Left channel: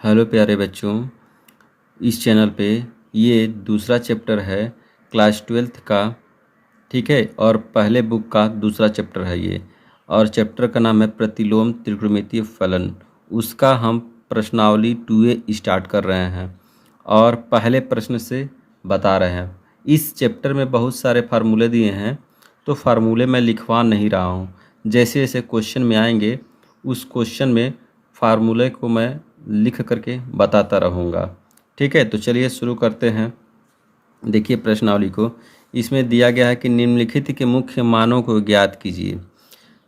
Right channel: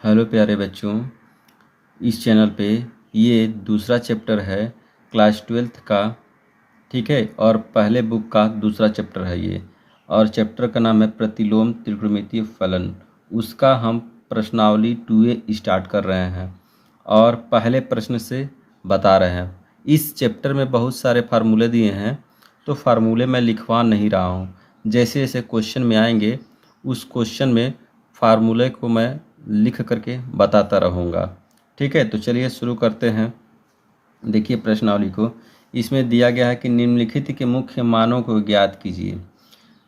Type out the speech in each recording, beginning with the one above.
Hello प्यारे बच्चों, इस चैनल पे ये दूसरा चैप्टर है क्लास 12th का। ठीक है, और पहले बुक का दूसरा चैप्टर है ये। और चैप्टर का नाम है प्रतिलोम त्रिकोणमितीय फलन। उसका हम प्रश्नावली 2A स्टार्ट कर रहे हैं और पहले प्रश्न से बता रहे हैं। इस चैप्टर में बहुत सारे फार्मूले दिए हैं, तो फार्मूले मैं लिखवा नहीं रहा हूँ। जैसे जैसे क्वेश्चन में आएंगे उस क्वेश्चन में फार्मूले को मैं लिख करके बताता रहूँगा। ठीक है, तो चलिए शुरू करते हैं। देखिए प्रश्नावली को, इसमें दिया गया है कि निम्नलिखित के मुख्य मानों को ज्ञात कीजिए।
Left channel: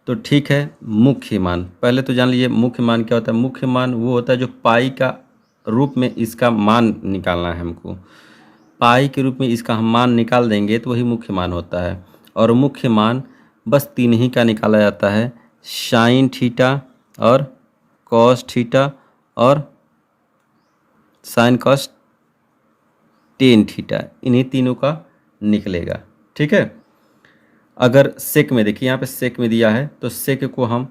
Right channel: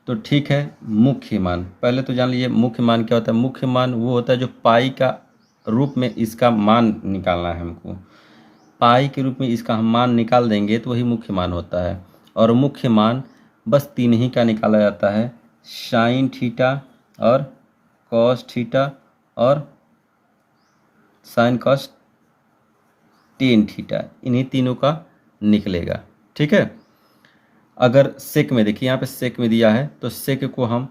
तो ठीक है, मुख्य मान पहले तो जान लीजिए। मुख्य मान क्या होता है? मुख्य मान वो होता है जो पाई का रूप में इसका मान निकालना है हमको। पाई के रूप में इसका हम मान निकाल देंगे तो वही मुख्य मान होता है। और मुख्य मान बस तीन ही का निकाला जाता है, साइन थीटा और कॉस थीटा और साइन कॉस टेन थीटा, इन्हीं तीनों का निकलेगा। ठीक है, अगर सेक में देखिए, यहाँ पे सेक में दिया है तो सेक को हम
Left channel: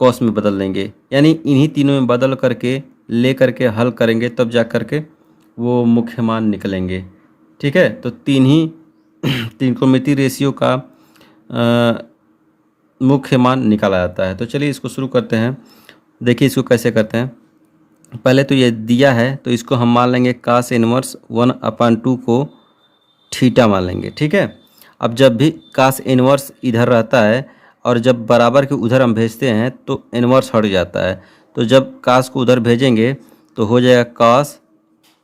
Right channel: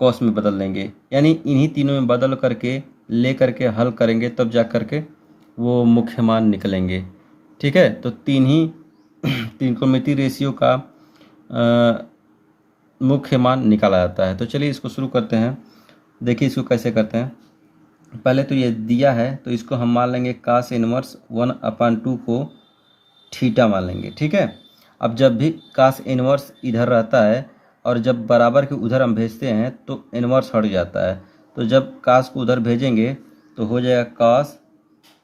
कॉस में बदल देंगे, यानी इन्हीं तीनों में बदल करके ले करके हल करेंगे तब जा करके वो मुख्य मान निकलेंगे। ठीक है, तो त्रिकोणमितीय रेशियो का मुख्य मान निकाला जाता है। तो चलिए इसको शुरू करते हैं। देखिए इसको कैसे करते हैं। पहले तो ये दिया है तो इसको हम मान लेंगे कास इनवर्स 1/2 को थीटा मान लेंगे। ठीक है, अब जब भी कास इनवर्स इधर रहता है और जब बराबर के उधर हम भेजते हैं तो इनवर्स हट जाता है। तो जब कास को उधर भेजेंगे तो हो जाएगा कास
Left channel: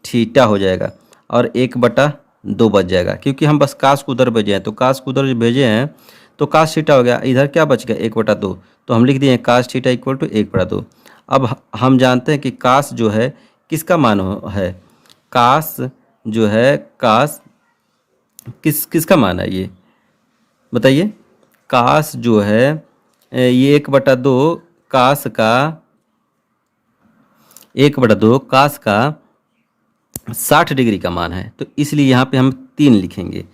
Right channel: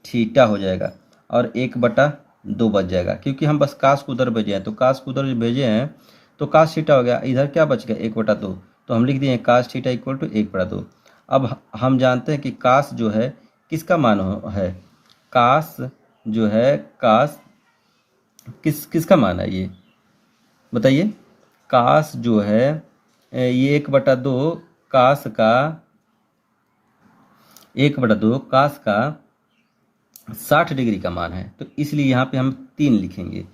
थीटा हो जाएगा और 1/2 बच जाएगा, क्योंकि हम बस कास को उधर भेजे हैं। तो कास को उधर भेजे हैं तो कास थीटा हो गया, इधर क्या बच गया 1/2, तो हम लिख दिए कास थीटा इक्वल टू 1/2। अब हम जानते हैं कि कास जो है किसका मान है। कास जो है, कास किसका मान है ये बताइए। कास जो है ये 1/2 कास का 1/2 कास का 60 डिग्री का मान है, तो इसलिए यहाँ पे हम 3 लिखेंगे।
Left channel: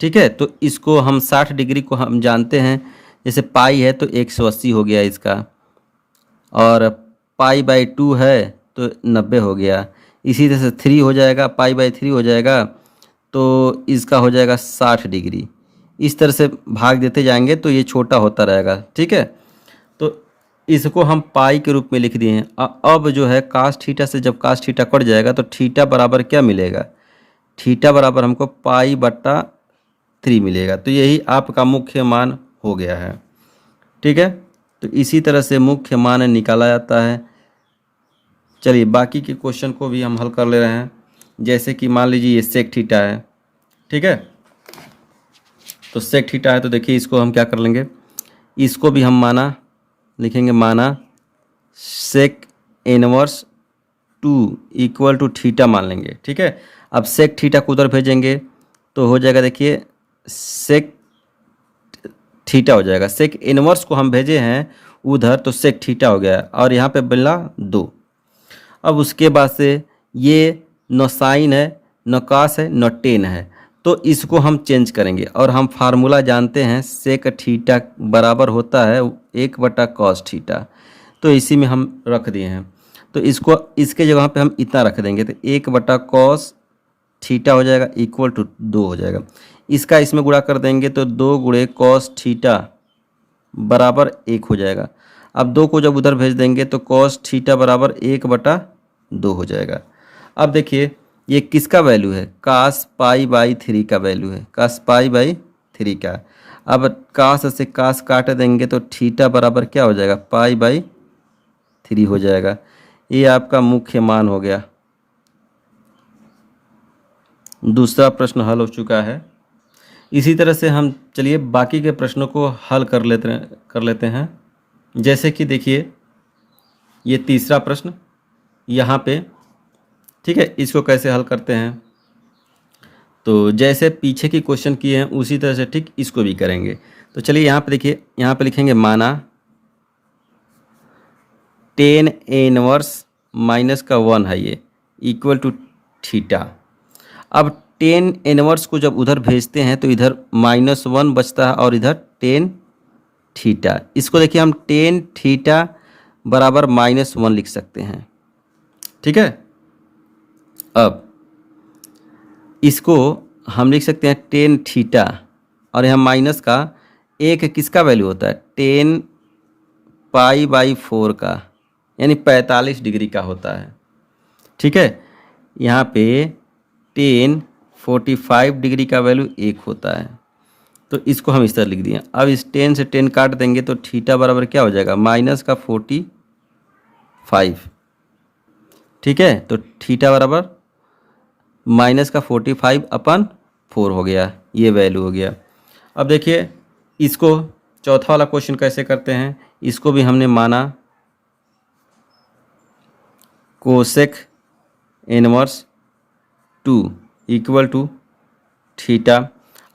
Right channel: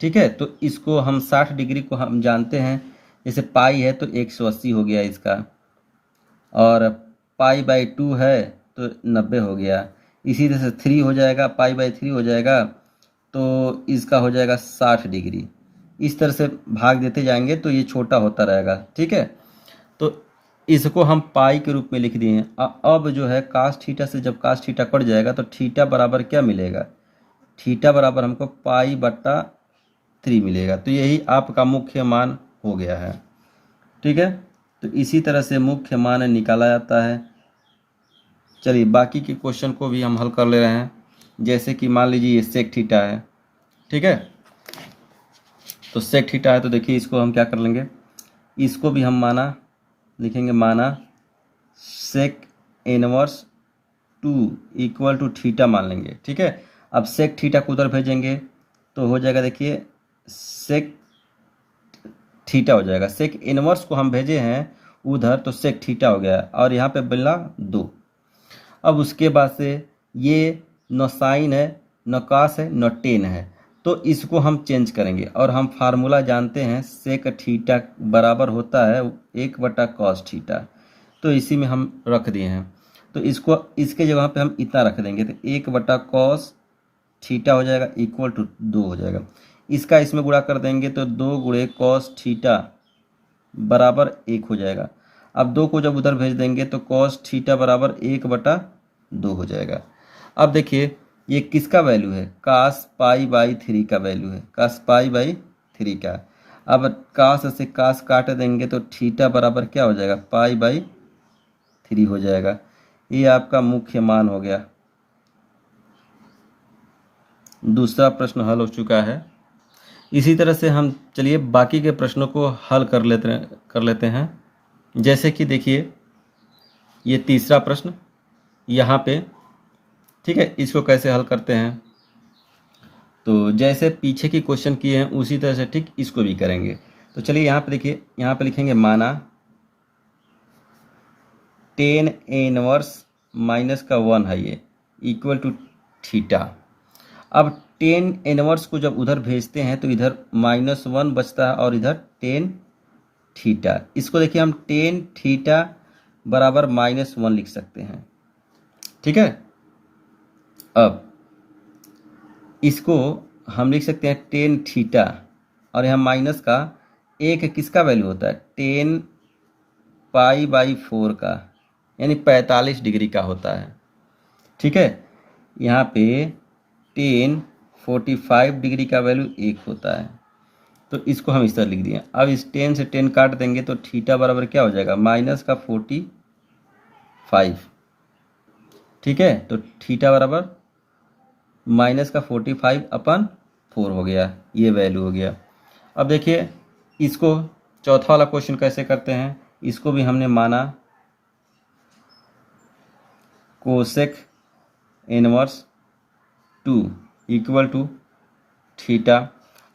ठीक है, तो इसको हम 60 डिग्री को हम जानते हैं, जैसे पाई है तो 180 हो गया इसका, और पाई/2 है तो 90 हो गया। इसी तरह से 3 हो जाएगा, पाई/3 हो जाएगा तो इसका हो जाएगा 60 डिग्री। इस तरह से भाग देते जाएंगे तो ये छोटा होता रहेगा। ठीक है, तो इसको हम पाई के रूप में लिख दिए हैं। अब जो है कास थीटा से जब कास थीटा कट जाएगा तो थीटा बराबर क्या मिलेगा? थीटा बराबर हमको पाई/3 मिलेगा। तो यही आपका मुख्य मान हो गया है। ठीक है, तो इसी तरह से मुख्य मान निकाला जाता है। चलिए बाकी के क्वेश्चन को भी हम हल कर ले रहे हैं। जैसे कि मान लीजिए ये सेक थीटा है। ठीक है, तो सेक थीटा है तो देखिए इसको हम क्या कर लेंगे, इसको भी हम माना लिखेंगे, माना sec inverse 2 equal to theta मान लेंगे। ठीक है, अब सेक थीटा को उधर भेजेंगे तो हो जाएगा, देखिए सेक थीटा हो जाएगा। सेक इनवर्स को हम भेजे हैं उधर तो सेक थीटा हो गया, और यहाँ पे मिला 2। अब उसके बाद से ये न साइन है न कास है न टेन है, तो इसको हम चेंज करेंगे। और हम फार्मूला जानते हैं, सेक थीटा बराबर होता है 1/cos थीटा, तो इसी में हम रख दिए हैं। तो इसको इसके जगह पे हम इतना रख देंगे तो 1/cos थीटा हो जाएगा इक्वल टू 2 हो जाएगा। इसका इसमें गुणा कर देंगे तो 2 × cos थीटा बराबर 1 हो जाएगा। अब 2 को जब उधर भेज देंगे तो cos थीटा बराबर 1/2 हो जाएगा। अब देखिए ये किसका वैल्यू है? कास पाई/3 का वैल्यू है, कास पाई/3 का। अब कास से कास काट देंगे तो थीटा बराबर क्या हो जाएगा? पाई/3 हो जाएगा। ये आपका मुख्य मान हो गया। दूसरा प्रश्न हल हो चुका है। इसी तरह से हम चलिए बाकी के प्रश्नों को हल कर लेते हैं। जैसे कि देखिए ये तीसरा प्रश्न यहाँ पे। ठीक है, इसको कैसे हल करते हैं, तो जैसे पीछे की क्वेश्चन किए हैं उसी तरह से ठीक इसको भी करेंगे। तो चलिए यहाँ पे देखिए, यहाँ पे लिखेंगे माना tan इनवर्स -1 है ये इक्वल टू थीटा। अब tan इनवर्स को जब उधर भेजते हैं तो इधर -1 बचता है और इधर tan थीटा। इसको देखिए हम tan थीटा बराबर -1 लिख सकते हैं। ठीक है। अब इसको हम लिख सकते हैं टेन थीटा, और यहाँ माइनस का एक किसका वैल्यू होता है, टेन पाई बाई 4 का, यानी 45 डिग्री का होता है। ठीक है, यहाँ पे टेन 45 डिग्री का वैल्यू 1 होता है, तो इसको हम इस तरह लिख दिए। अब इस 10 से 10 काट देंगे तो थीटा बराबर क्या हो जाएगा, माइनस का 45। ठीक है, तो थीटा बराबर माइनस का 45/4 हो गया, ये वैल्यू हो गया। अब देखिए इसको चौथा वाला क्वेश्चन कैसे करते हैं। इसको भी हमने माना cosec inverse 2 equal to theta.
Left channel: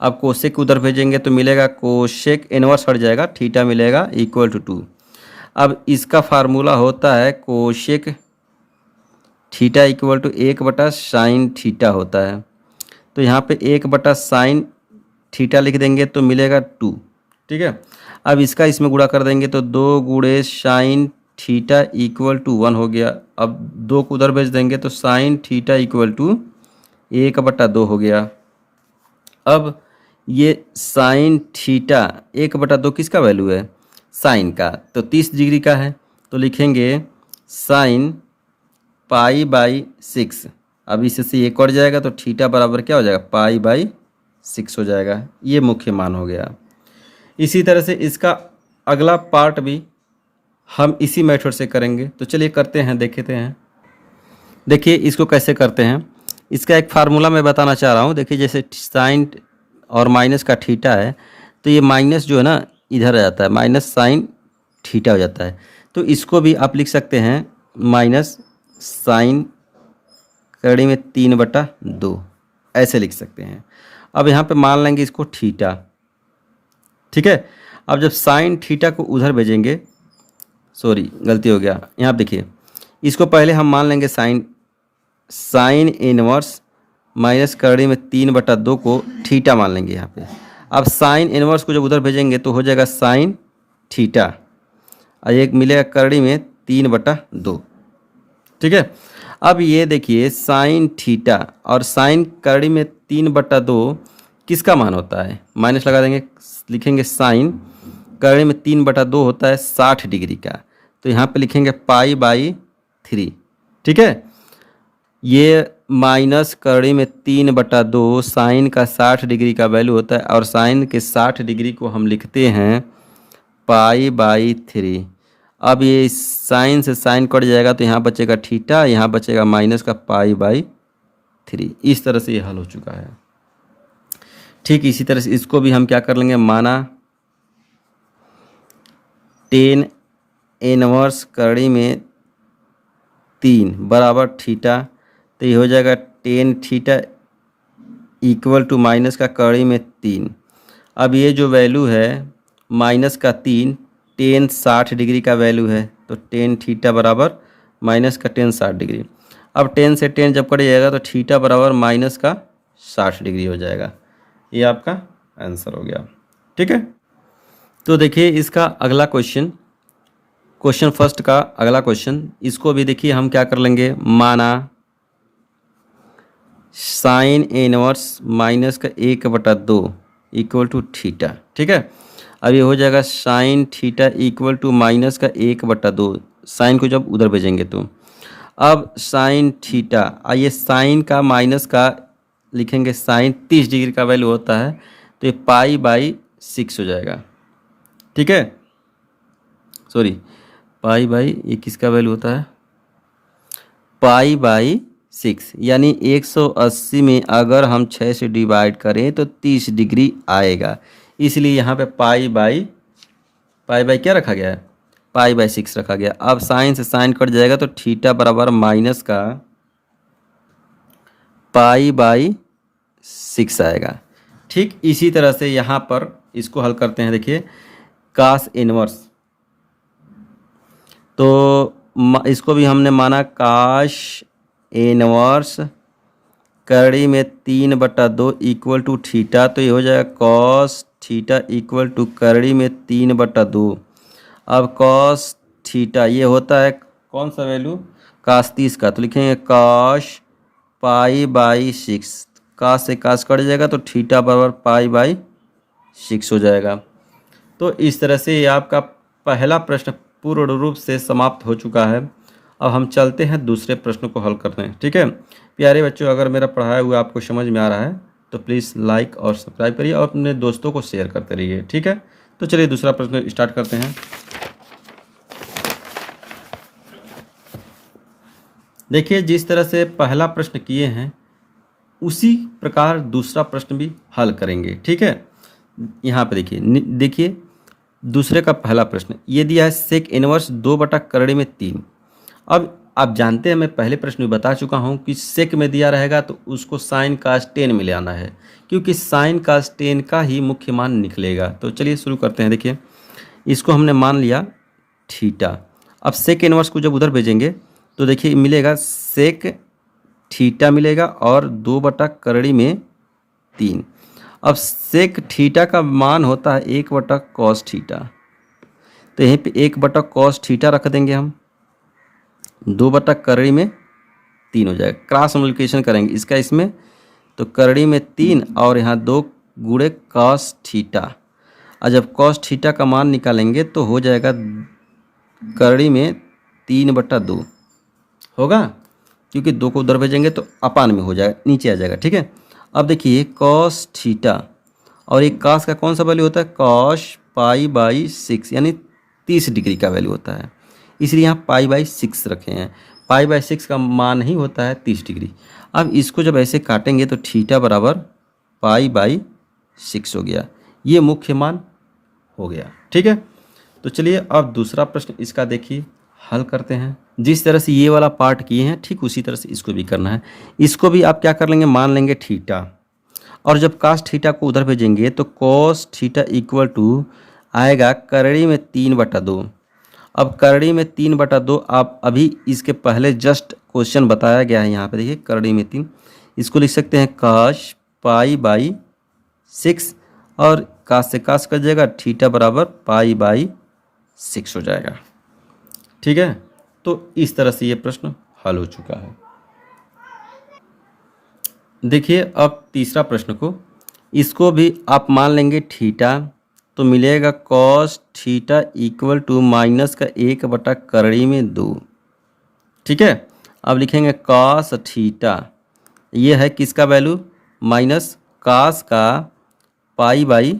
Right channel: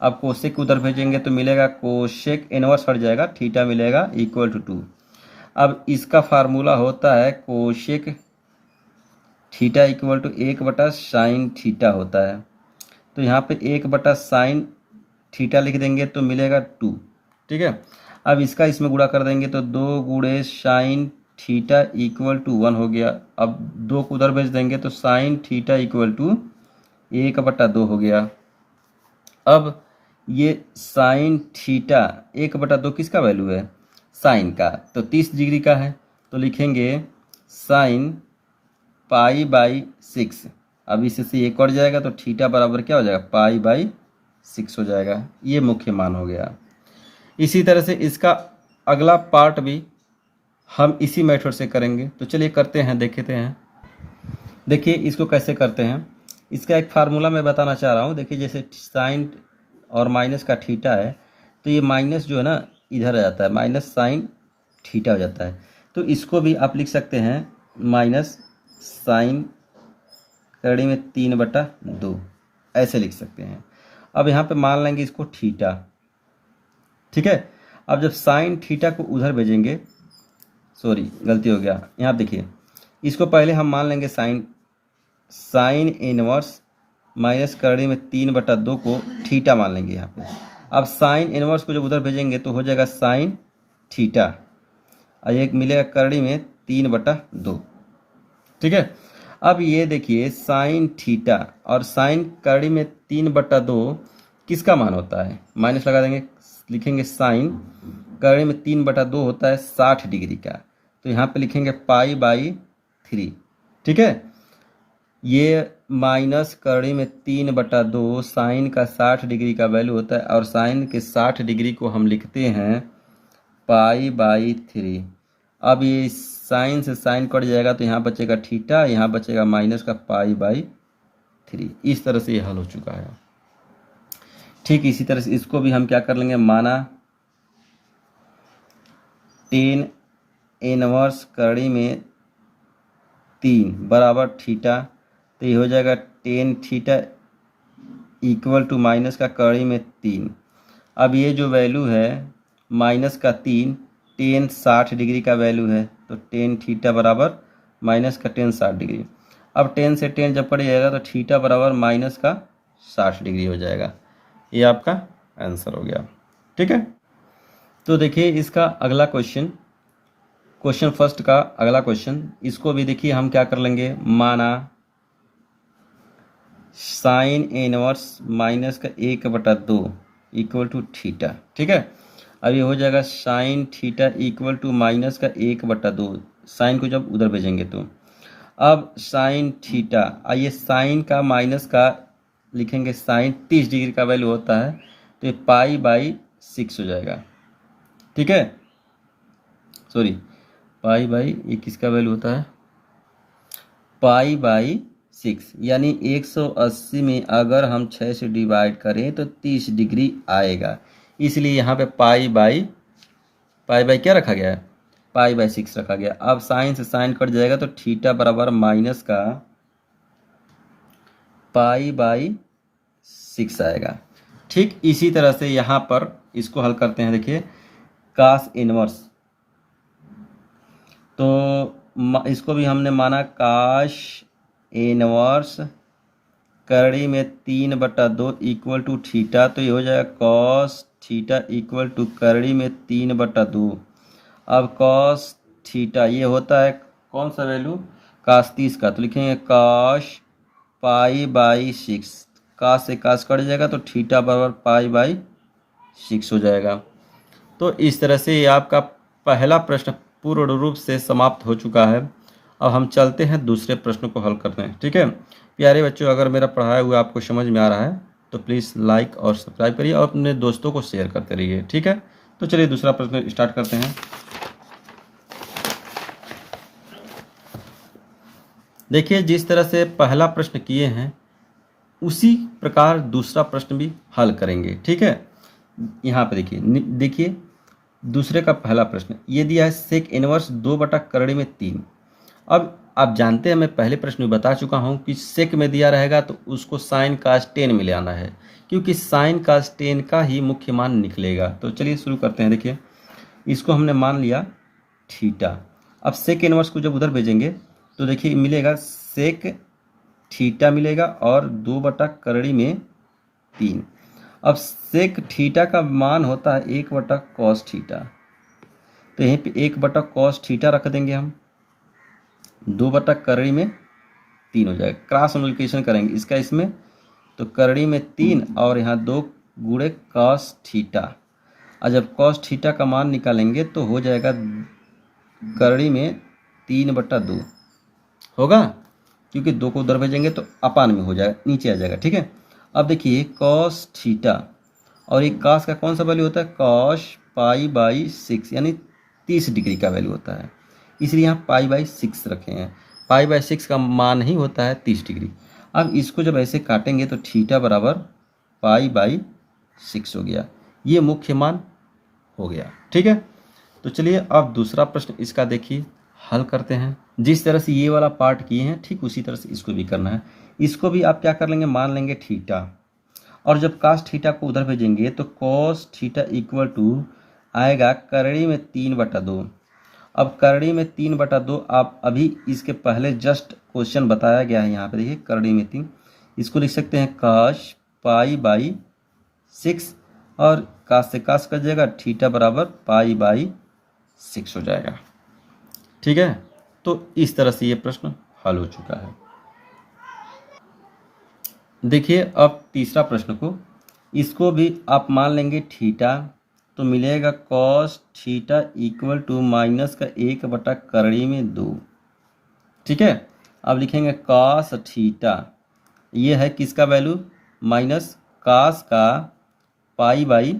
अब कोसेक उधर भेजेंगे तो मिलेगा कोसेक इनवर्स हट जाएगा, थीटा मिलेगा इक्वल टू 2। अब इसका फार्मूला होता है कोसेक थीटा इक्वल टू 1/साइन थीटा होता है। तो यहाँ पे 1/साइन थीटा लिख देंगे तो मिलेगा 2। ठीक है, अब इसका इसमें गुणा कर देंगे तो 2 गुणे साइन थीटा इक्वल टू 1 हो गया। अब 2 को उधर भेज देंगे तो साइन थीटा इक्वल टू 1/2 हो गया। अब ये साइन थीटा 1/2 किसका वैल्यू है, साइन का, तो 30 डिग्री का है, तो लिखेंगे साइन पाई बाई 6। अब इससे ये कट जाएगा तो थीटा बराबर क्या हो जाएगा, पाई बाई 6 हो जाएगा। ये मुख्य मान हो गया। इसी तरह से इसका अगला पार्ट भी हम इसी मेथड से करेंगे, तो चलिए करते हैं, देखते हैं। देखिए इसको कैसे करते हैं, इसका एक फार्मूला मैं बताना चाह रहा हूँ। देखिए जैसे साइन और माइनस का थीटा है, तो ये माइनस जो है ना इधर आ जाता है, माइनस साइन थीटा हो जाता है। तो इसको भी आप लिख सकते हैं माइनस साइन कड़ी में 3/2, ऐसे लिख सकते हैं। अब यहाँ पे मान लेंगे इसको थीटा। ठीक है, अब जब साइन थीटा को उधर भेजेंगे, सॉरी गलती हो गया, यहाँ देखिए इसको पहले हम मान लेंगे साइन इनवर्स माइनस कड़ी में 3/2 को थीटा मान लेंगे यहाँ पे। अब साइन इनवर्स को जब उधर भेजेंगे तो हो जाएगा साइन थीटा, और एक मिलेगा कड़ी में 3/2। ठीक है, अब ये देखिए साइन थीटा और साइन कड़ी में 3/2 किसका मान होता है, माइनस लगा देंगे, लिखेंगे साइन कड़ी में 3/2 होता है 60 डिग्री का, तो यहाँ पे लिखेंगे पाई बाई 3। ठीक है, ये माइनस कड़ी में 3/2 साइन का 60 डिग्री का वैल्यू होता है, और साइन के 60 डिग्री को हम लिखते हैं पाई बाई 3। अब ये साइन से साइन कट जाएगा तो यहाँ बचेगा थीटा, यहाँ बचेगा माइनस का पाई बाई 3। इस तरह से ये हल हो चुका है। ठीक इसी तरह से इसको भी हम क्या कर लेंगे, माना टेन इनवर्स कड़ी में 3 बराबर थीटा, तो ये हो जाएगा tan theta equal to minus का कड़ी में 3। अब ये जो वैल्यू है माइनस का 3, टेन 60 डिग्री का वैल्यू है, तो टेन थीटा बराबर माइनस का टेन 60 डिग्री। अब 10 से 10 जब कट जाएगा तो थीटा बराबर माइनस का 60 डिग्री हो जाएगा। ये आपका आंसर हो गया। ठीक है, तो देखिए इसका अगला क्वेश्चन फर्स्ट का अगला क्वेश्चन, इसको भी देखिए हम क्या कर लेंगे, माना साइन इनवर्स माइनस का 1/2 इक्वल टू थीटा। ठीक है, अब ये हो जाएगा sine theta equal to minus का 1/2, साइन को जब उधर भेजेंगे तो। अब साइन थीटा, आइए साइन का माइनस का लिखेंगे, साइन 30 डिग्री का वैल्यू होता है, तो ये पाई बाई 6 हो जाएगा। ठीक है, सॉरी पाई बाई, ये किसका वैल्यू होता है, पाई बाई 6, यानी 180 में अगर हम 6 से डिवाइड करें तो 30 डिग्री आएगा, इसलिए यहाँ पे पाई बाई क्या रखा गया है, पाई बाई 6 रखा गया। अब साइन से साइन कट जाएगा तो थीटा बराबर माइनस का पाई बाई 6 आएगा। ठीक इसी तरह से यहाँ पर इसको हल करते हैं। देखिए कास इनवर्स, तो इसको भी हमने माना काश इनवर्स कड़ी में 3/2 इक्वल टू थीटा, तो ये हो जाएगा कॉस थीटा इक्वल टू कड़ी में 3/2। अब कॉस थीटा ये होता है कौन सा वैल्यू, काश 30 का, तो लिखेंगे काश पाई बाई 6। काश से काश कट जाएगा तो थीटा बराबर पाई बाई 6 हो जाएगा। तो इस तरह से ये आपका पहला प्रश्न पूर्ण रूप से समाप्त हो चुका है। अब हम चलते हैं दूसरे प्रश्न को हल करते हैं। ठीक है प्यारे बच्चों, अगर मेरा पढ़ाया हुआ आपको समझ में आ रहा है तो प्लीज़ लाइक और सब्सक्राइब करिए और अपने दोस्तों को शेयर करते रहिए। ठीक है, तो चलिए दूसरा प्रश्न स्टार्ट करते हैं। देखिए जिस तरह से पहला प्रश्न किए हैं उसी प्रकार दूसरा प्रश्न भी हल करेंगे। ठीक है, यहाँ पे देखिए दूसरे का पहला प्रश्न ये दिया है सेक इनवर्स 2/करड़ी में 3। अब आप जानते हैं, मैं पहले प्रश्न में बता चुका हूँ कि सेक में दिया रहेगा तो उसको साइन कास 10 में ले आना है, क्योंकि साइन कास 10 का ही मुख्य मान निकलेगा। तो चलिए शुरू करते हैं। देखिए इसको हमने मान लिया थीटा। अब सेक इनवर्स को जब उधर भेजेंगे तो देखिए मिलेगा सेक थीटा मिलेगा और 2/करड़ी में 3। अब सेक थीटा का मान होता है 1/कॉस थीटा, तो यहीं पे 1/कॉस थीटा रख देंगे हम, 2/करड़ी में 3 हो जाएगा। क्रॉस मल्टीप्लिकेशन करेंगे इसका इसमें, तो करड़ी में 3 और यहाँ 2 गुणे कॉस थीटा। और जब कॉस थीटा का मान निकालेंगे तो हो जाएगा करड़ी में 3/2 होगा, क्योंकि 2 को उधर भेजेंगे तो अपान में हो जाएगा, नीचे आ जाएगा। ठीक है, अब देखिए कॉस थीटा और एक कॉस का कौन सा वैल्यू होता है, कॉस पाई बाई 6 यानी 30 डिग्री का वैल्यू होता है, इसलिए यहाँ पाई बाई 6 रखे हैं। पाई बाई 6 का मान ही होता है 30 डिग्री। अब इसको जब ऐसे काटेंगे तो थीटा बराबर पाई बाई 6 हो गया, ये मुख्य मान हो गया। ठीक है, तो चलिए अब दूसरा प्रश्न इसका देखिए हल करते हैं। जिस तरह से ये वाला पार्ट किए हैं ठीक उसी तरह से इसको भी करना है। इसको भी आप क्या कर लेंगे, मान लेंगे थीटा, और जब कास थीटा को उधर भेजेंगे तो कॉस थीटा इक्वल टू आएगा करड़ी में 3/2। अब करड़ी में 3/2 आप अभी इसके पहले जस्ट क्वेश्चन बताया गया है, यहाँ पे देखिए करड़ी में 3, इसको लिख सकते हैं काश पाई बाई 6 और कास से कास कर जाएगा, थीटा बराबर पाई बाई 6 हो जाएगा। ठीक है, तो इस तरह से ये प्रश्न हल हो चुका है। देखिए अब तीसरा प्रश्न को, इसको भी आप मान लेंगे थीटा, तो मिलेगा cos theta equal to minus का 1/करड़ी में 2। ठीक है, अब लिखेंगे कॉस थीटा, ये है किसका वैल्यू, माइनस कॉस का पाई बाई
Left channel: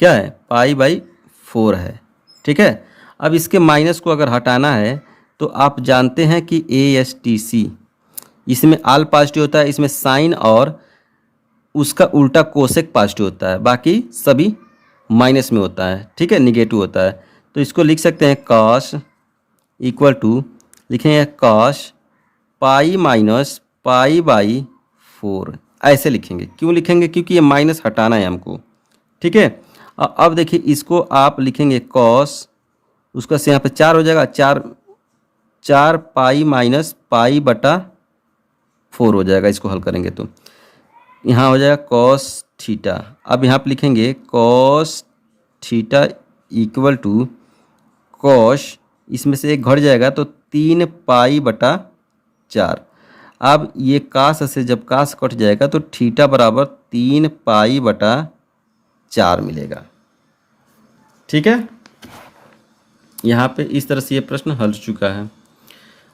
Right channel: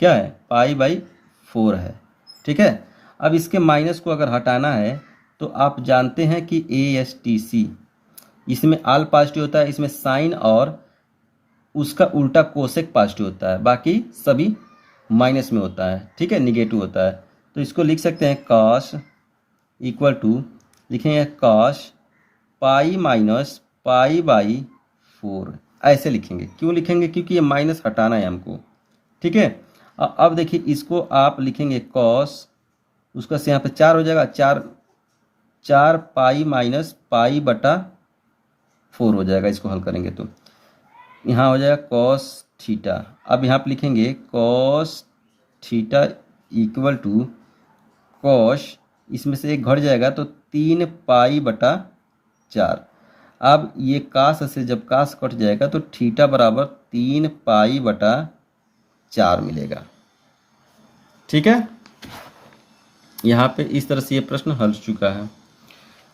क्या है, पाई बाई 4 है। ठीक है, अब इसके माइनस को अगर हटाना है तो आप जानते हैं कि ASTC, इसमें आल पॉजिटिव होता है, इसमें साइन और उसका उल्टा कोसेक पॉजिटिव होता है, बाकी सभी माइनस में होता है। ठीक है, निगेटिव होता है। तो इसको लिख सकते हैं कॉस इक्वल टू, लिखेंगे cos pi minus pi by 4, ऐसे लिखेंगे। क्यों लिखेंगे, क्योंकि ये माइनस हटाना है हमको। ठीक है, अब देखिए इसको आप लिखेंगे कॉस, उसका से यहाँ पे 4 हो जाएगा, 4 पाई माइनस पाई बटा 4 हो जाएगा। इसको हल करेंगे तो यहाँ हो जाएगा कॉस थीटा। अब यहाँ पे लिखेंगे cos theta equal to cos, इसमें से एक घट जाएगा तो 3 पाई बटा 4। अब ये कास से जब कास कट जाएगा तो थीटा बराबर 3 पाई बटा 4 मिलेगा। ठीक है, यहाँ पे इस तरह से ये प्रश्न हल चुका है।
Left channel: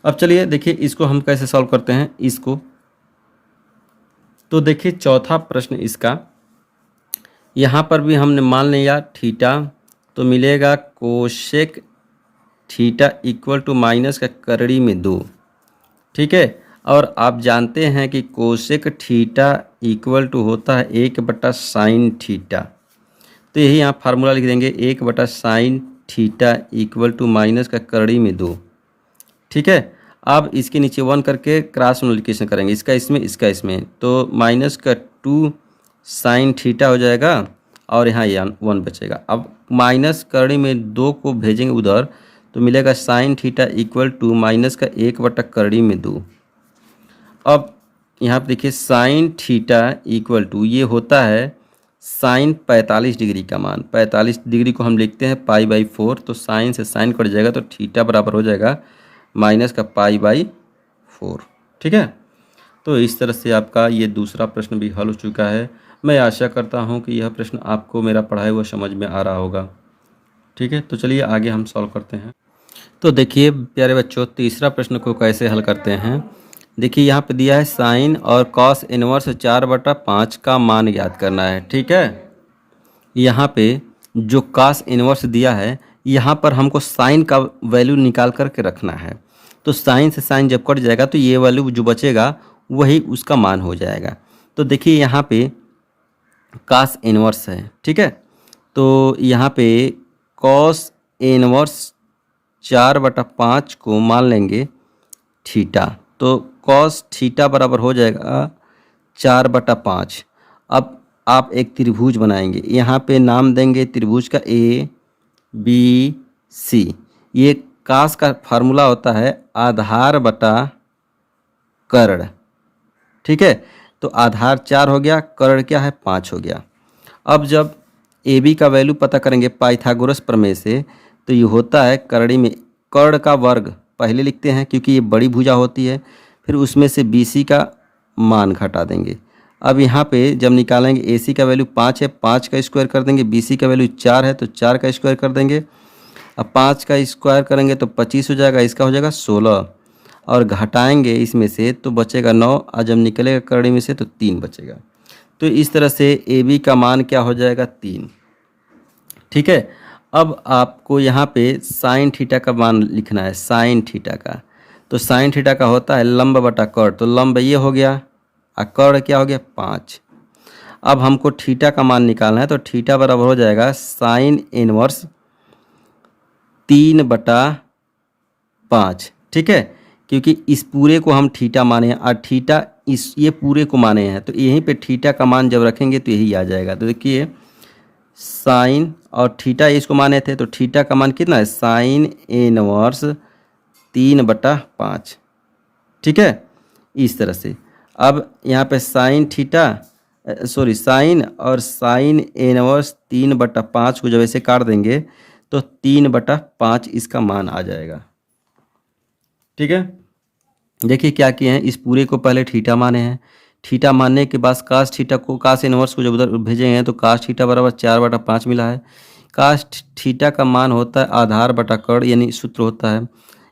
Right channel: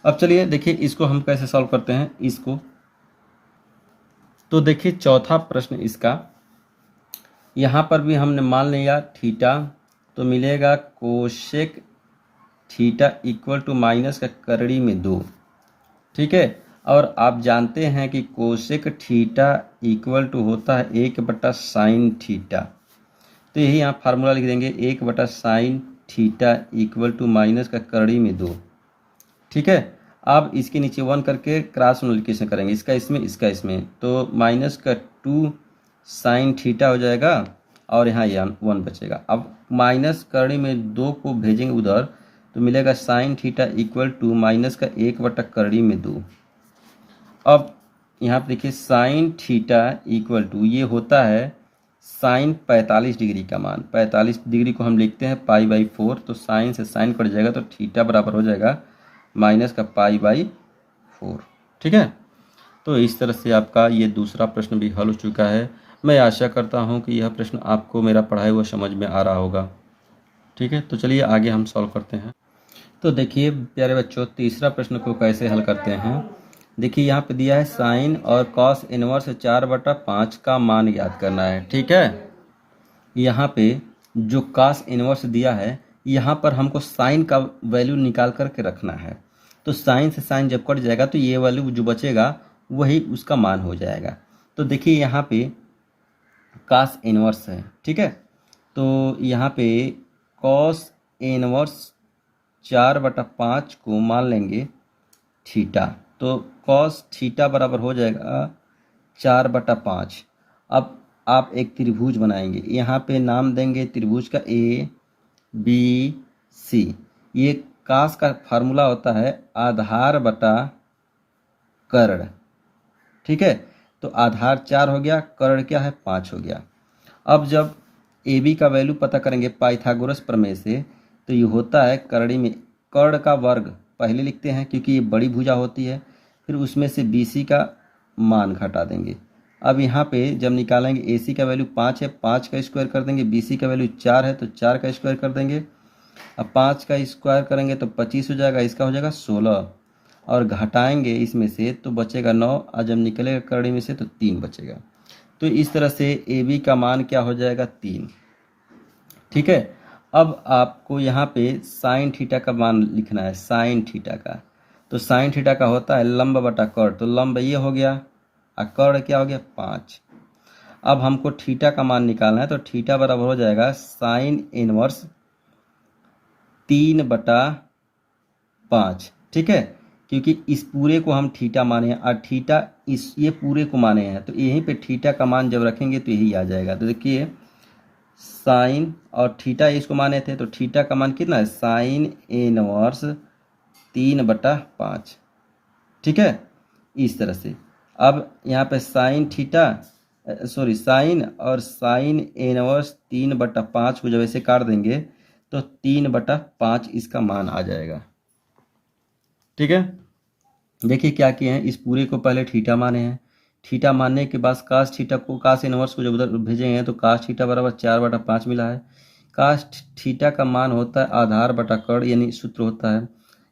अब चलिए देखिए इसको हम कैसे सॉल्व करते हैं इसको। तो देखिए चौथा प्रश्न इसका, यहाँ पर भी हमने मान लिया थीटा, तो मिलेगा cosec theta equal to minus का करड़ी में 2। ठीक है, और आप जानते हैं कि कोशेक थीटा इक्वल टू होता है 1/साइन थीटा, तो यही यहाँ फार्मूला लिख देंगे 1/साइन थीटा इक्वल टू माइनस का करड़ी में 2। ठीक है, अब इसके नीचे 1 करके क्रॉस मल्टीप्लिकेशन करेंगे, इसका इसमें इसका इसमें, तो माइनस का 2 साइन थीटा हो जाएगा और यहाँ ये 1 बचेगा। अब माइनस करड़ी में 2 को भेजेंगे उधर तो मिलेगा sine theta equal to minus का 1/करड़ी में 2। अब यहाँ पर देखिए साइन थीटा इक्वल टू ये होता है साइन 45 डिग्री का मान, 45 डिग्री को हम लिखते हैं पाई बाई 4, तो साइन से साइन कट जाएगा तो थीटा बराबर हो जाएगा माइनस का पाई बाई 4। ठीक है, तो इस तरह से आपका ये दूसरा प्रश्न भी हल हो चुका है। मैं आशा करता हूँ कि यह प्रश्न आपको मेरा पढ़ाया हुआ समझ में आ रहा होगा। ठीक है, तो चलिए आगे हम सॉल्व करते हैं। तो देखिए प्यारे बच्चों, तीसरा प्रश्न को कैसे हल करते हैं। देखिए यहाँ पे दिया है साइन और कॉस इनवर्स 4/5 का मान ज्ञात करना है। ठीक है, यहाँ पे जो कॉस इनवर्स दिया है, यहाँ पर हमको साइन का वैल्यू निकाल करके रखना है। तो साइन से साइन जब कट जाएगा तो ये वैल्यू जो बचेगा वही उसका मान हो जाएगा। तो देखिए यहाँ पे कॉस इनवर्स है। ठीक है, तो यहाँ पे कॉस इनवर्स 4/5 को मान लेंगे थीटा। तो कॉस थीटा बराबर हो जाएगा 4/5। अब आप एक त्रिभुज बनाएंगे, यहाँ पे नाम देंगे त्रिभुज का ए बी सी। ये कास का फार्मूला होता है आधार बटा कर्ण। ठीक है, तो आधार 4 हो गया, कर्ण क्या है 5 हो गया। अब जब ए बी का वैल्यू पता करेंगे पाइथागोरस प्रमेय से, तो ये होता है कर्ण में कर्ण का वर्ग पहले लिखते हैं क्योंकि ये बड़ी भुजा होती है, फिर उसमें से बी सी का मान घटा देंगे। अब यहाँ पे जब निकालेंगे ए सी का वैल्यू 5 है, 5 का स्क्वायर कर देंगे, बी सी का वैल्यू 4 है तो 4 का स्क्वायर कर देंगे। अब 5 का स्क्वायर करेंगे तो 25 हो जाएगा, इसका हो जाएगा 16 और घटाएंगे इसमें से तो बचेगा 9 और जब निकलेगा कर्ण में से तो 3 बचेगा। तो इस तरह से ए बी का मान क्या हो जाएगा 3। ठीक है, अब आपको यहाँ पे साइन थीटा का मान लिखना है, साइन थीटा का। तो साइन थीटा का होता है लंब बटा कर्ण, तो लंब ये हो गया और कर्ण क्या हो गया 5। अब हमको थीटा का मान निकालना है, तो थीटा बराबर हो जाएगा साइन इनवर्स 3/5। ठीक है, क्योंकि इस पूरे को हम थीटा माने हैं और थीटा इस ये पूरे को माने हैं, तो यहीं पे थीटा का मान जब रखेंगे तो यही आ जाएगा। तो देखिए साइन और थीटा इसको माने थे, तो थीटा का मान कितना है साइन इनवर्स 3/5। ठीक है, इस तरह से अब यहाँ पे साइन थीटा साइन और साइन इनवर्स 3/5 को जब ऐसे काट देंगे तो 3/5 इसका मान आ जाएगा। ठीक है, देखिए क्या किए हैं, इस पूरे को पहले थीटा माने हैं, थीटा मानने के बाद कास थीटा को कास इनवर्स को जब उधर भेजे हैं तो कास थीटा बराबर 4/5 मिला है। कास थीटा का मान होता है आधार बटा कर्ण, यानी सूत्र होता है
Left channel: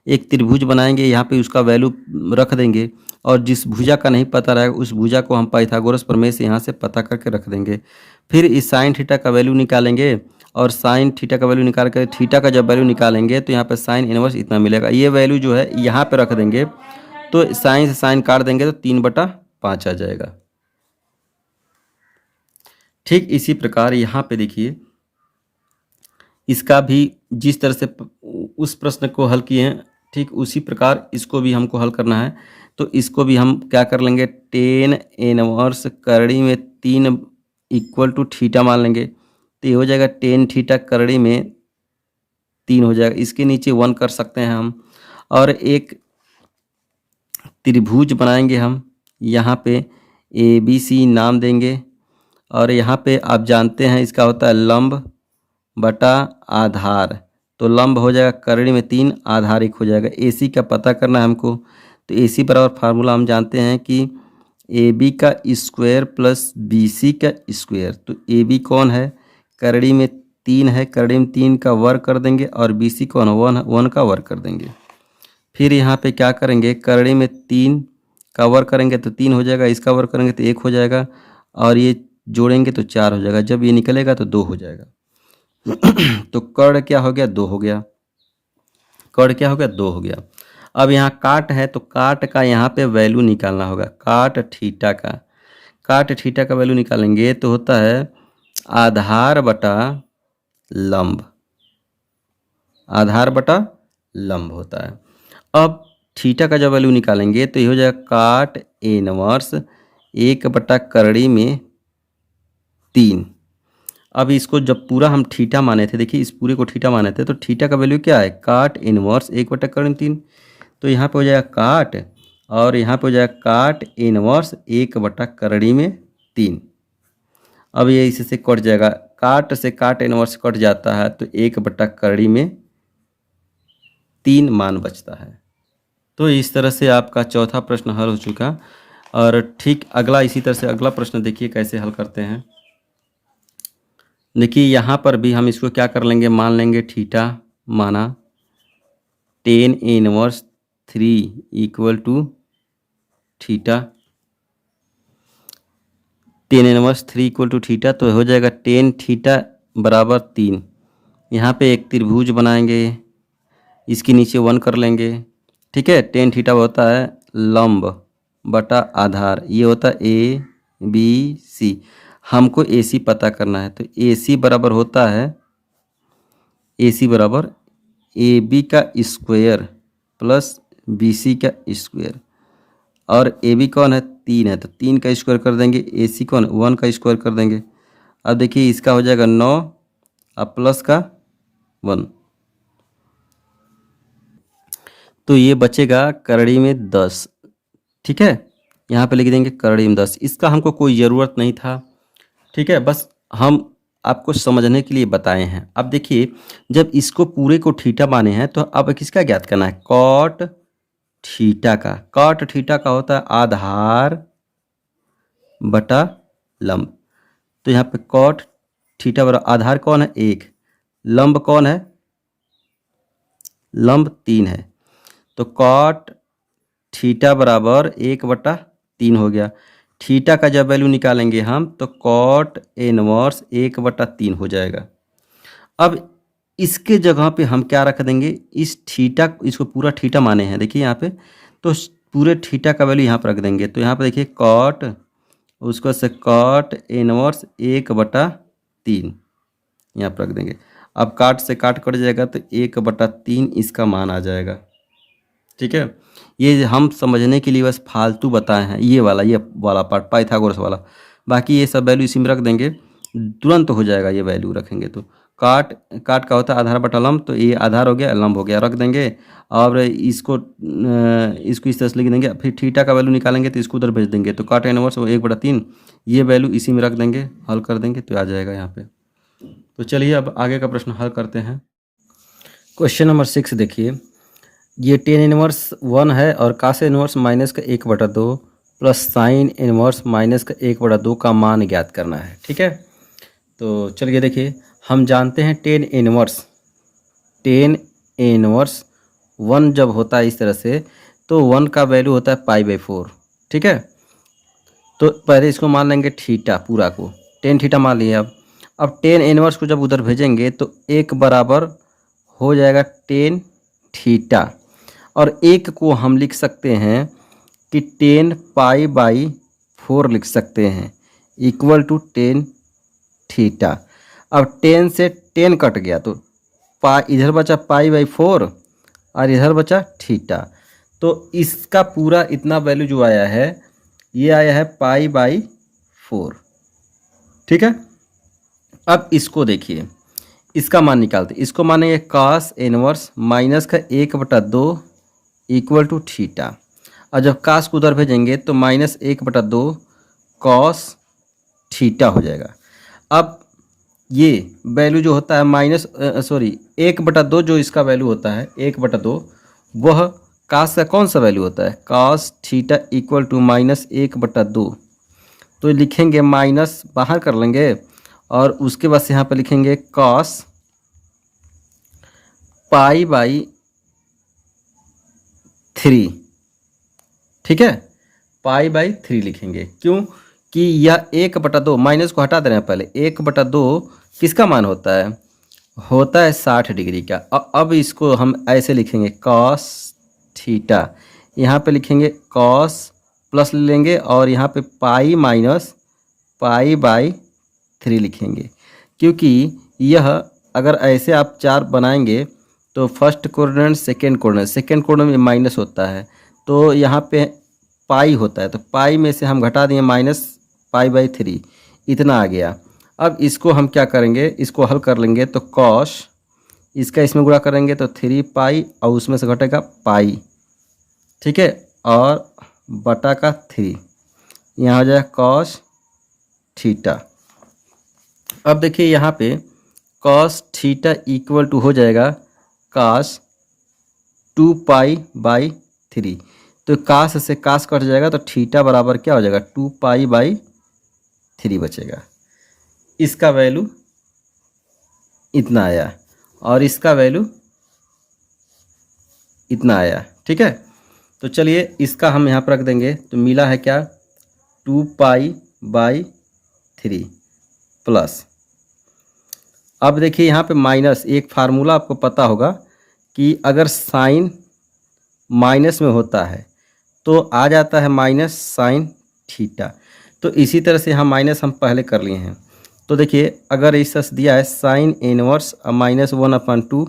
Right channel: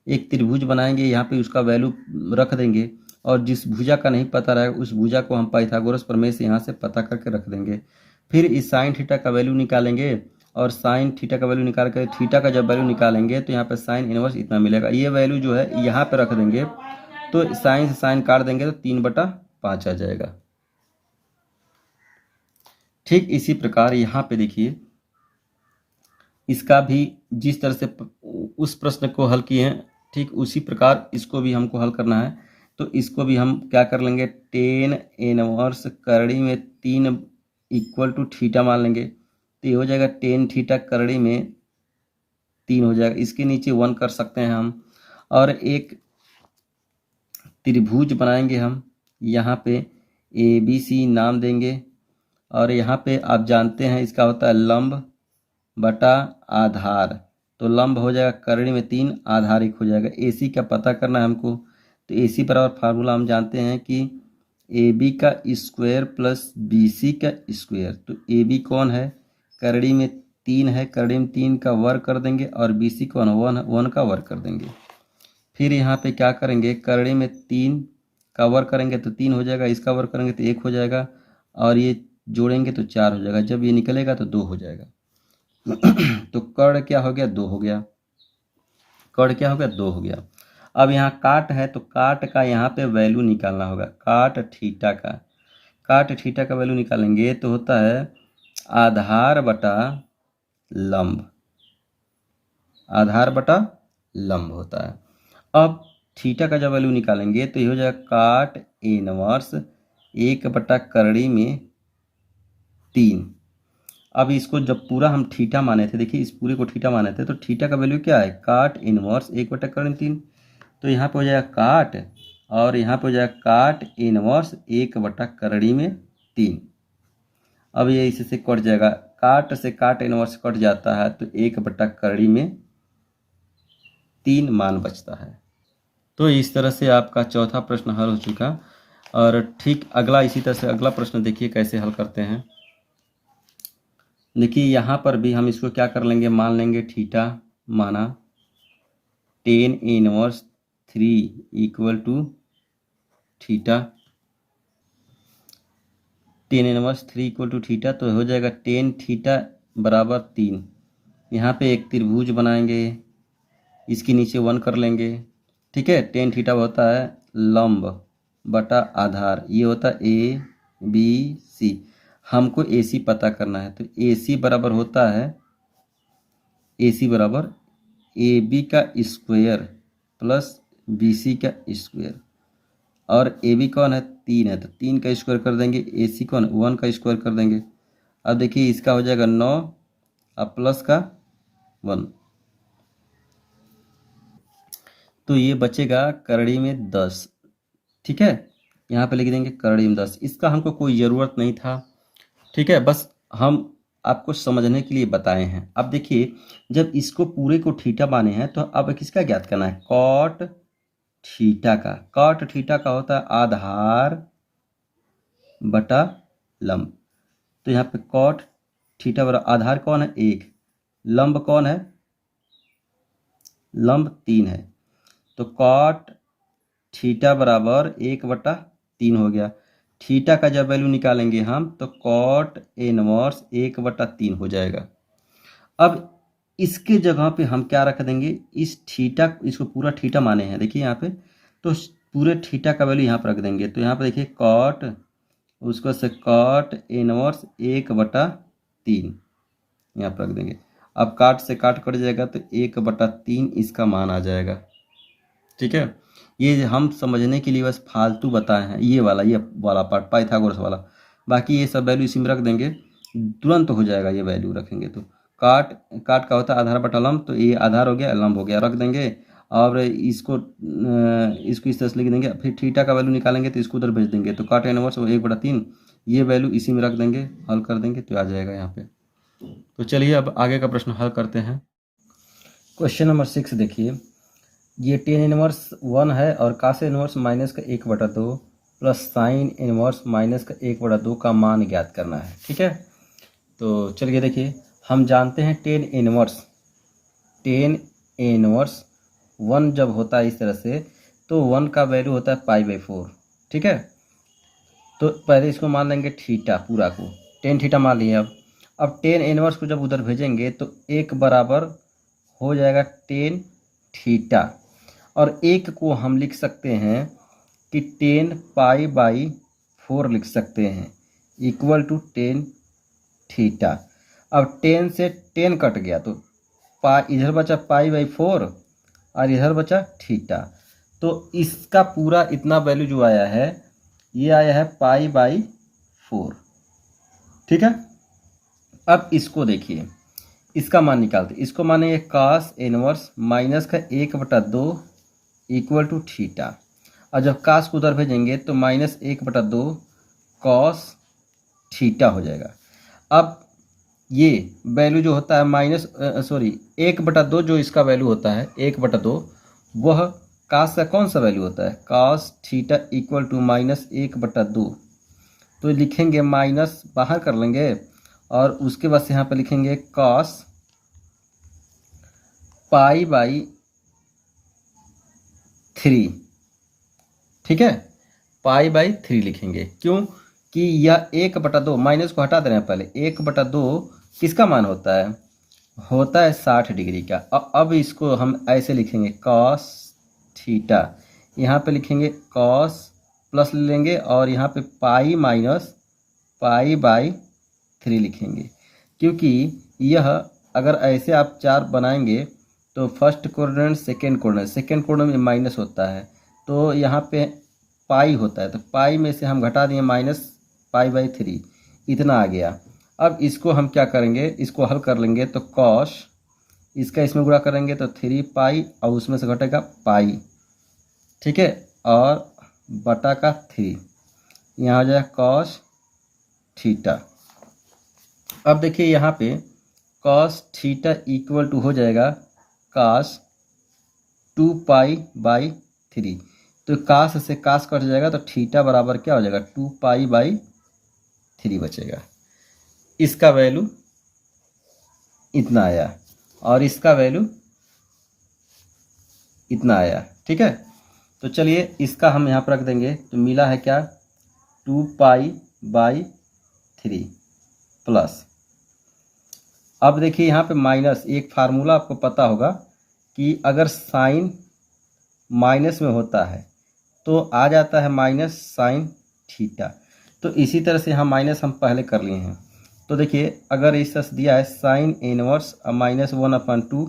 एक त्रिभुज बनाएंगे, यहाँ पे उसका वैल्यू रख देंगे और जिस भुजा का नहीं पता रहेगा उस भुजा को हम पाइथागोरस प्रमेय से यहाँ से पता करके रख देंगे। फिर इस साइन थीटा का वैल्यू निकालेंगे और साइन थीटा का वैल्यू निकाल कर थीटा का जब वैल्यू निकालेंगे तो यहाँ पे साइन इनवर्स इतना मिलेगा। ये वैल्यू जो है यहाँ पे रख देंगे तो साइन से साइन काट देंगे तो 3/5 आ जाएगा। ठीक इसी प्रकार यहाँ पे देखिए इसका भी जिस तरह से उस प्रश्न को हल किए हैं ठीक उसी प्रकार इसको भी हमको हल करना है। तो इसको भी हम क्या कर लेंगे, टेन इनवर्स करड़ी में 3 इक्वल टू थीटा मान लेंगे, तो ये हो जाएगा टेन थीटा करड़ी में 3 हो जाएगा। इसके नीचे 1 कर सकते हैं हम और एक त्रिभुज बनाएंगे हम, यहाँ पे ए बी सी नाम देंगे और यहाँ पे आप जानते हैं इसका होता है लंब बटा आधार, तो लंब हो जाएगा करड़ी में 3, आधार 1 हो जाएगा। ए सी का पता करना है हमको, तो ए सी बराबर फार्मूला हम जानते हैं कि ए बी का स्क्वायर प्लस बी सी का स्क्वायर। तो ए बी कौन है करड़ी में 3 है, करड़ी में 3 का वर्ग कर देंगे और बी सी कौन है 1 का वर्ग कर देंगे। फिर यहाँ पे क्या करेंगे, करड़ी में 3 का वर्ग करेंगे तो 3 हो जाएगा, इसका वर्ग करेंगे तो 1 हो जाएगा और ये जोड़ेंगे तो 4 हो जाएगा, जब ये निकलेगा तो 2 हो जाएगा। तो कर्ण क्या हो गया 2 हो गया, कर्ण क्या हो गया 2 हो गया। अब यहाँ काट है तो काट का यहाँ पे वैल्यू निकालना होगा, काट थीटा का वैल्यू निकालेंगे तो होता है आधार बटा लंब, आधार बटा लंब होता है। अब थीटा का जब वैल्यू निकालेंगे तो ये हो जाएगा काट इनवर्स 1/करड़ी में 3। अब इसको जब पूरा हम थीटा माने थे, देखिए इस पूरे को थीटा माने थे, तो थीटा का वैल्यू क्या है काट इनवर्स 1/करड़ी में 3, तो यहाँ पे हो जाएगा काट और यहाँ पे हो जाएगा काट इनवर्स 1/करड़ी में 3। अब ये इससे कट जाएगा, काट से काट इनवर्स कट जाता है तो 1/करड़ी में 3 मान बचता है। तो इस तरह से आपका चौथा प्रश्न हल हो चुका। और ठीक अगला इसी तरह से अगला प्रश्न देखिए कैसे हल करते हैं। देखिए यहाँ पर भी हम इसको क्या कर लेंगे, मान लेंगे थीटा माना tan inverse 3 equal to theta. Tan inverse 3 equal to theta, तो हो जाएगा टेन थीटा बराबर 3। यहाँ पे एक त्रिभुज बनाएंगे, इसके नीचे 1 कर लेंगे। ठीक है, टेन थीटा होता है लंब बटा आधार, ये होता है ए बी सी। हमको ए सी पता करना है, तो ए सी बराबर होता है, ए सी बराबर ए बी का स्क्वायर प्लस बी सी का स्क्वायर। और ए बी कौन है, 3 है, तो 3 का स्क्वायर कर देंगे। ए सी कौन, 1 का स्क्वायर कर देंगे। अब देखिए इसका हो जाएगा 9 और प्लस का 1, तो ये बचेगा करड़ी में 10। ठीक है, यहाँ पे लिख देंगे करड़ी में 10। इसका हमको कोई ज़रूरत नहीं था। ठीक है, बस हम आपको समझने के लिए बताए हैं। अब देखिए जब इसको पूरे को थीटा माने हैं, तो अब किसका ज्ञात करना है, कॉट थीटा का। कॉट थीटा का होता है आधार बटा लंब। तो यहाँ पे कॉट थीटा बराबर आधार कौन है, 1, लंब कौन है, लंब 3 है। तो कॉट थीटा बराबर 1/3 हो गया। थीटा का जब वैल्यू निकालेंगे हम, तो कॉट इनवर्स 1/3 हो जाएगा। अब इसके जगह पे हम क्या रख देंगे, इस थीटा, इसको पूरा थीटा माने हैं देखिए यहाँ पे, तो पूरे थीटा का वैल्यू यहाँ पर रख देंगे। तो यहाँ पे देखिए कॉट, उसको से कॉट इनवर्स 1/3 यहाँ पर रख देंगे। अब काट से काट कट जाएगा, तो 1/3 इसका मान आ जाएगा। ठीक है, ये हम समझने के लिए बस फालतू बताए हैं, ये वाला पार्ट पाइथागोरस वाला। बाकी ये सब वैल्यू इसी में रख देंगे, तुरंत हो जाएगा ये वैल्यू रखेंगे तो। काट, काट का होता है आधार बटा लंब, तो ये आधार हो गया, लंब हो गया, रख देंगे। और इसको इस तरह से लिख देंगे। फिर थीटा का वैल्यू निकालेंगे तो इसको उधर भेज देंगे, तो काट इनवर्स 1/3, ये वैल्यू इसी में रख देंगे, हल कर देंगे तो आ जाएगा यहाँ पे। तो चलिए अब आगे का प्रश्न हल करते हैं। क्वेश्चन नंबर 6 देखिए, ये टेन इनवर्स 1 है और कास इनवर्स माइनस का 1/2 प्लस साइन इनवर्स माइनस का 1/2 का मान ज्ञात करना है। ठीक है, तो चलिए देखिए, हम जानते हैं टेन इनवर्स 1 जब होता है इस तरह से, तो 1 का वैल्यू होता है π/4। ठीक है, तो पहले इसको मान लेंगे थीटा, पूरा को टेन थीटा मान लिए। अब टेन इनवर्स को जब उधर भेजेंगे, तो 1 बराबर हो जाएगा टेन थीटा, और 1 को हम लिख सकते हैं कि 10π/4 लिख सकते हैं, इक्वल टू टेन थीटा। अब 10 से 10 कट गया, तो इधर बचा π/4 और इधर बचा थीटा। तो इसका पूरा इतना वैल्यू जो आया है, ये आया है π/4। ठीक है, अब इसको देखिए, इसका मान निकालते, इसको मानेंगे cos इनवर्स माइनस का 1/2 इक्वल टू थीटा। और जब कास को उधर भेजेंगे, तो -1/2 कॉस थीटा हो जाएगा। अब ये वैल्यू जो होता है 1/2, जो इसका वैल्यू होता है 1/2, वह कास का कौन सा वैल्यू होता है, कॉस थीटा इक्वल टू -1/2। तो लिखेंगे, माइनस बाहर कर लेंगे, और उसके बाद यहाँ पर लिखेंगे कॉस π/3। ठीक है, π/3 लिखेंगे, क्यों कि यह 1/2, माइनस को हटा दे रहे हैं पहले, 1/2 किसका मान होता है 60 डिग्री का। अब इसको हम ऐसे लिखेंगे कॉस थीटा, यहाँ पे लिखेंगे कॉस प्लस लेंगे, और यहाँ पे π/3 लिखेंगे, क्योंकि यह अगर ऐसे आप चार बनाएंगे, तो फर्स्ट कोऑर्डिनेट सेकंड कोऑर्डिनेट में माइनस होता है, तो यहाँ पे पाई होता है, तो पाई में से हम घटा दिए -π/3, इतना आ गया। अब इसको हम क्या करेंगे, इसको हल कर लेंगे, तो कॉस, इसका इसमें गुणा करेंगे तो 3π, और उसमें से घटेगा पाई। ठीक है, और बटा का 3, यहाँ हो जाएगा कॉस थीटा। अब देखिए यहाँ पे कॉस थीटा इक्वल टू हो जाएगा कॉस 2π/3। 3। तो कास से कास कट जाएगा तो थीटा बराबर क्या हो जाएगा 2π/3 बचेगा। इसका वैल्यू इतना आया और इसका वैल्यू इतना आया। ठीक है, तो चलिए इसका हम यहाँ पर रख देंगे। तो मिला है क्या 2π/3 प्लस, अब देखिए यहाँ पे माइनस, एक फार्मूला आपको पता होगा कि अगर साइन माइनस में होता है तो आ जाता है माइनस साइन थीटा। तो इसी तरह से यहाँ माइनस हम पहले कर लिए हैं। तो देखिए अगर इस तरह दिया है साइन इनवर्स -1/2,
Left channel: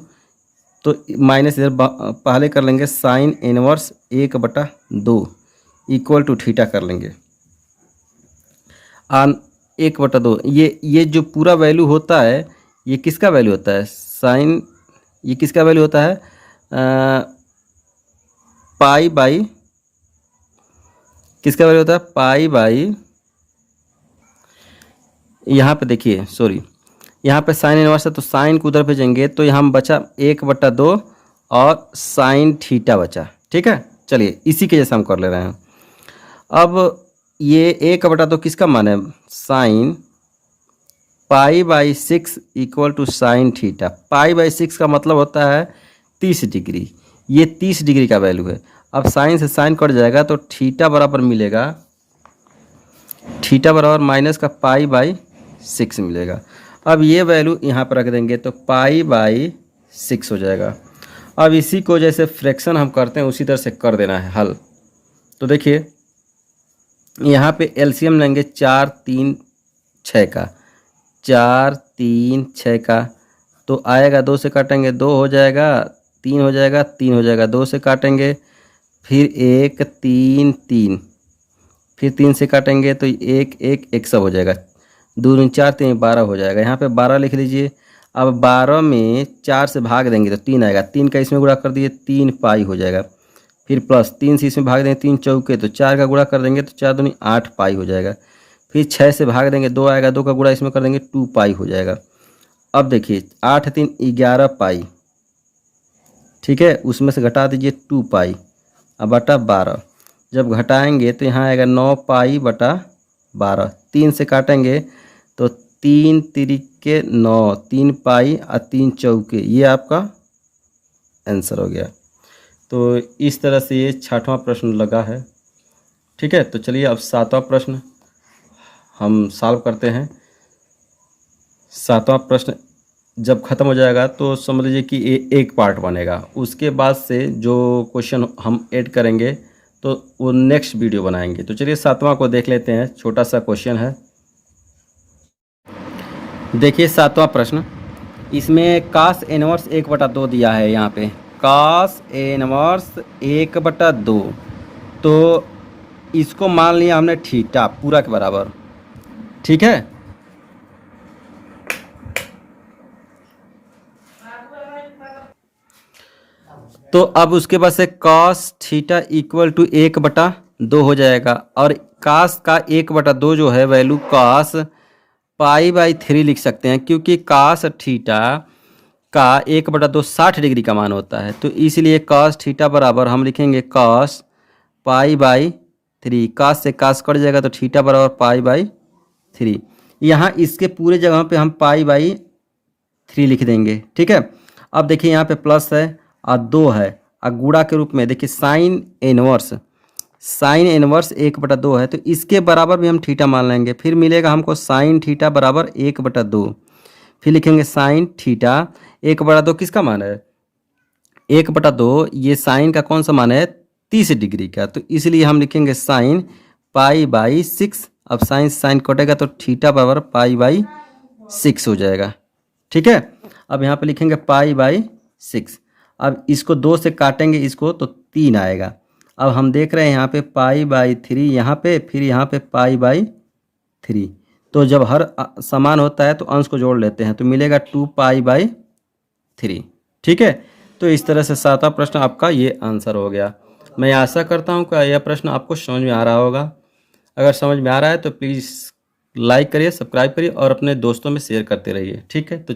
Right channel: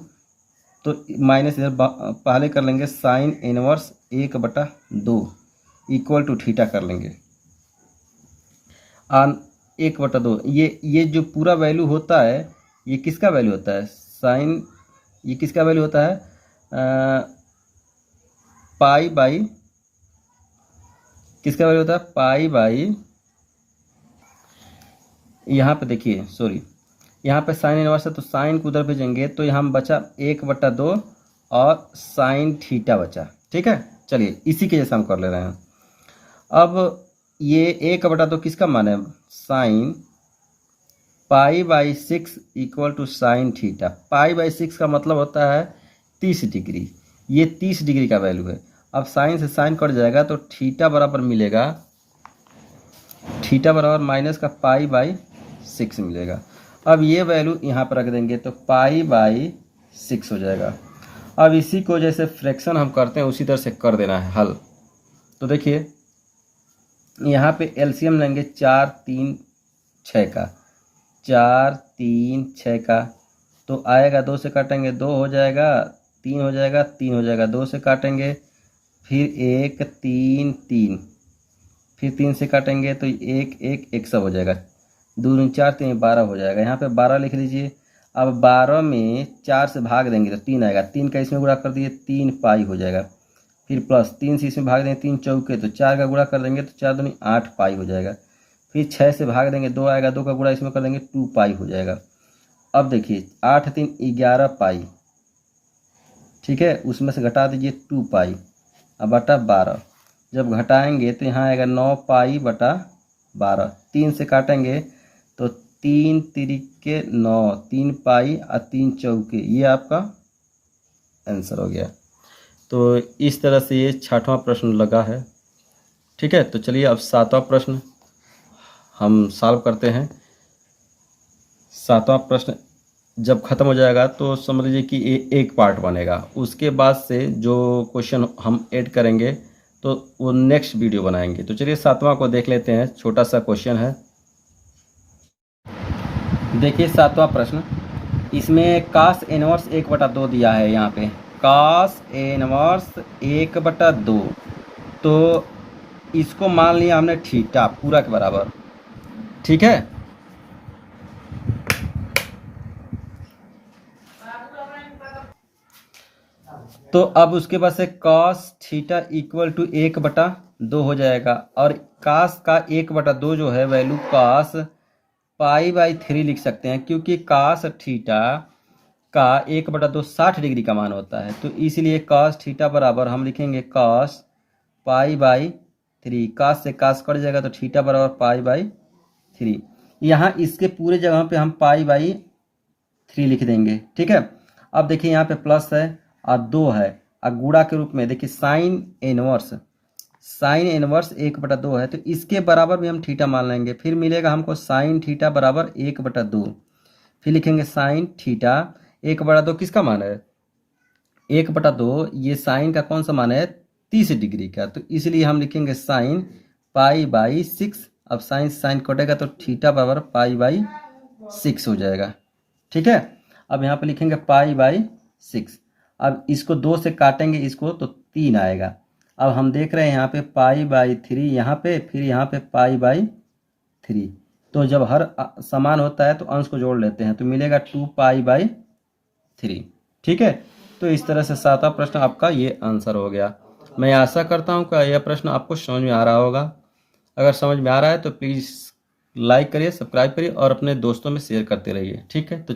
तो माइनस इधर पहले कर लेंगे sine inverse 1/2 equal to theta कर लेंगे 1/2। ये जो पूरा वैल्यू होता है ये किसका वैल्यू होता है साइन, ये किसका वैल्यू होता है किसका वैल्यू होता है पाई, यहाँ पे देखिए सॉरी यहाँ पे साइन इनवर्स है तो साइन को उधर भेजेंगे तो यहाँ बचा 1/2 और साइन थीटा बचा। ठीक है, चलिए इसी के जैसा हम कर ले रहे हैं। अब ये 1/2 किसका मान है sine π/6 equal to sine theta. π/6 का मतलब होता है 30 डिग्री, ये 30 डिग्री का वैल्यू है। अब साइन से साइन कट जाएगा तो थीटा बराबर मिलेगा, थीटा बराबर माइनस का π/6 मिलेगा। अब ये वैल्यू यहाँ पर रख देंगे तो π/6 हो जाएगा। अब इसी को जैसे फ्रैक्शन हम करते हैं उसी तरह से कर देना है हल। तो देखिए यहाँ पे एलसीएम लेंगे 4 3 6 का, 4 3 6 का, तो आएगा 2 से काटेंगे 2 हो जाएगा, 3 हो जाएगा, 3 हो जाएगा, 2 से काटेंगे फिर 1 3 3, फिर 3 से काटेंगे तो 1 1 1 सब हो जाएगा, 2 दूनी 4 3 12 हो जाएगा। यहाँ पे 12 लिख लीजिए। अब 12 में 4 से भाग देंगे तो 3 आएगा, 3 का इसमें गुणा कर दिए 3π हो जाएगा, फिर प्लस 3 से इसमें भाग देंगे 3 चौके तो 4 का गुणा कर देंगे तो 4 दूनी 8π हो जाएगा, फिर 6 से भाग देंगे 2 आएगा, 2 का गुणा इसमें कर देंगे 2π हो जाएगा। अब देखिए 8 3 11π, ठीक है, उसमें से घटा दीजिए 2π अब बटा 12, जब घटाएंगे तो यहाँ आएगा 9π/12, 3 से काटेंगे तो 3 तिरिके 9, 3π और 3 चौके, ये आपका आंसर हो गया। तो इस तरह से ये 6वां प्रश्न लगा है। ठीक है, तो चलिए अब 7वां प्रश्न हम सॉल्व करते हैं। 7वां प्रश्न जब ख़त्म हो जाएगा तो समझ लीजिए कि ये एक पार्ट बनेगा, उसके बाद से जो क्वेश्चन हम ऐड करेंगे तो वो नेक्स्ट वीडियो बनाएंगे। तो चलिए 7वां को देख लेते हैं, छोटा सा क्वेश्चन है। देखिए 7वां प्रश्न, इसमें कास इनवर्स 1/2 दिया है। यहाँ पे कास इनवर्स 1/2, तो इसको मान लिया हमने थीटा पूरा के बराबर। ठीक है, तो अब उसके बाद से cos थीटा इक्वल टू 1/2 हो जाएगा, और cos का 1/2 जो है वैल्यू cos π/3 लिख सकते हैं, क्योंकि cos थीटा का 1/2 60 डिग्री का मान होता है। तो इसलिए cos थीटा बराबर हम लिखेंगे cos π/3, cos से cos कट जाएगा तो थीटा बराबर π/3। यहाँ इसके पूरे जगह पे हम π/3 लिख देंगे। ठीक है, अब देखिए यहाँ पे प्लस है और 2 है और गुणा के रूप में देखिए साइन इनवर्स 1/2 है, तो इसके बराबर भी हम थीटा मान लेंगे। फिर मिलेगा हमको साइन थीटा बराबर 1/2, फिर लिखेंगे साइन थीटा 1/2 किसका मान है 1/2, ये साइन का कौन सा मान है 30 डिग्री का, तो इसलिए हम लिखेंगे साइन π/6। अब साइन साइन कटेगा तो थीटा बराबर π/6 हो जाएगा। ठीक है, अब यहाँ पे लिखेंगे π/6। अब इसको 2 से काटेंगे इसको तो 3 आएगा। अब हम देख रहे हैं यहाँ पे π/3 यहाँ पे, फिर यहाँ पे π/3, तो जब हर समान होता है तो अंश को जोड़ लेते हैं तो मिलेगा 2π/3। ठीक है, तो इस तरह से 7वां प्रश्न आपका ये आंसर हो गया। मैं आशा करता हूँ कि यह प्रश्न आपको समझ में आ रहा होगा। अगर समझ में आ रहा है तो प्लीज़ लाइक करिए, सब्सक्राइब करिए और अपने दोस्तों में शेयर करते रहिए। ठीक है, तो